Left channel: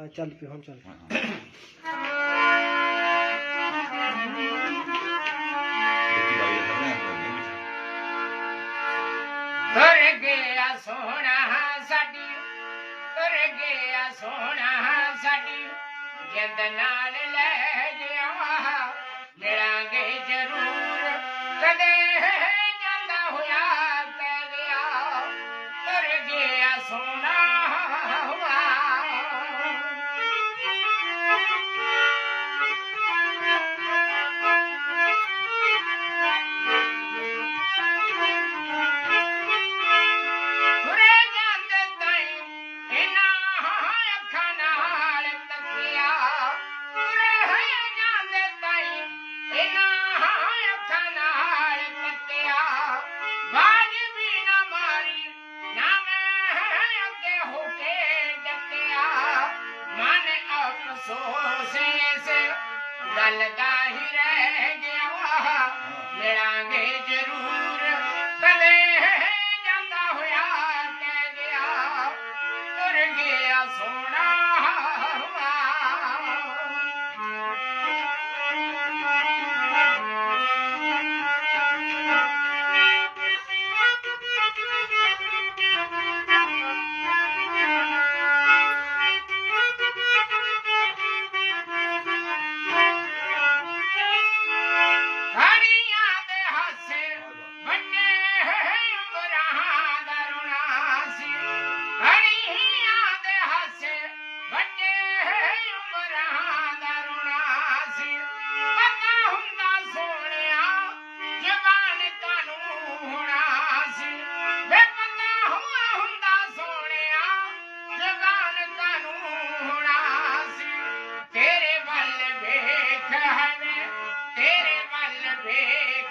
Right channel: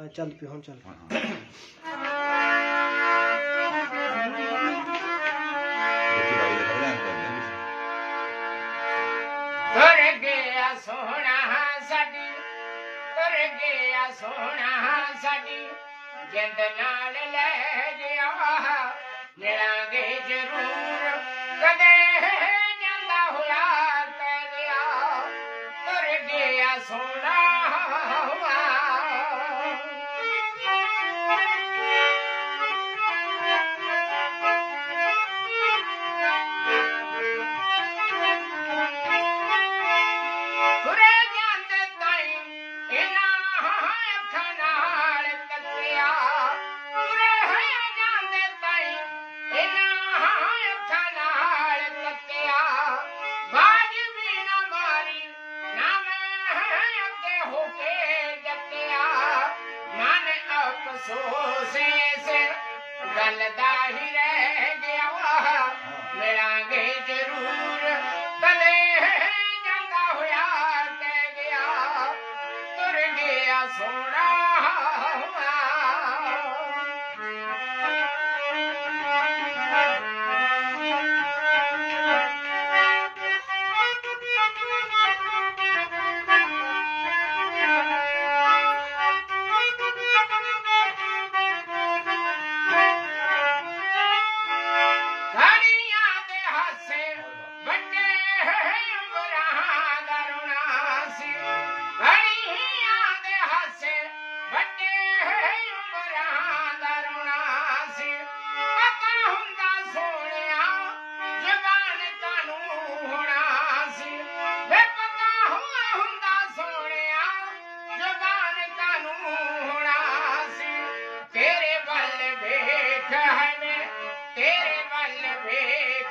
ਹਾਂ ਚੱਲ ਪਿਓ ਹੁਣ ਚੱਲ ਹਾਂ, ਹਾਂ। ਲੋਕੀ ਬਾਈ ਦਾ ਸਮਝਾਂ ਕਰਦੇ ਨੇ ਤੁਰ ਗਿਆ ਸੋਹਣਾ ਸਾਡੀ ਤੁਰ ਗਿਆ ਸੋਹਣਾ ਸਾਡੀ। ਜਿੰਦ ਨਾਲ ਲੈ ਗਿਆ ਮਿਲਾਂਗੇ ਜ਼ਰੂਰ। ਕਦੇ ਜਾਂਦਾ ਹੋਇਆ ਪੈ ਗਿਆ। ਤੁਰ ਗਿਆ ਸੋਹਣਾ سوسا هي ري ضرور تلي هي ڳالها هئا تر گيا سون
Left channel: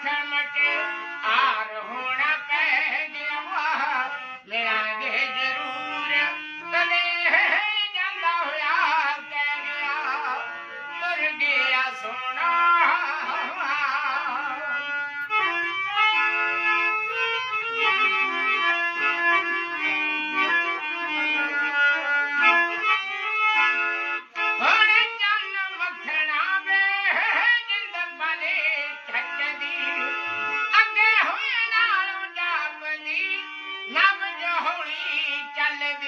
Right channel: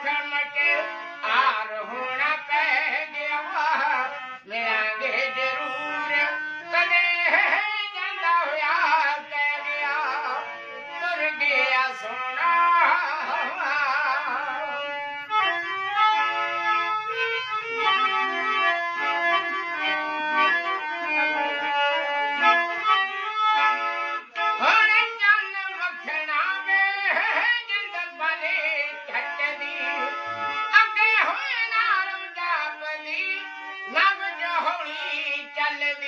time like that, I.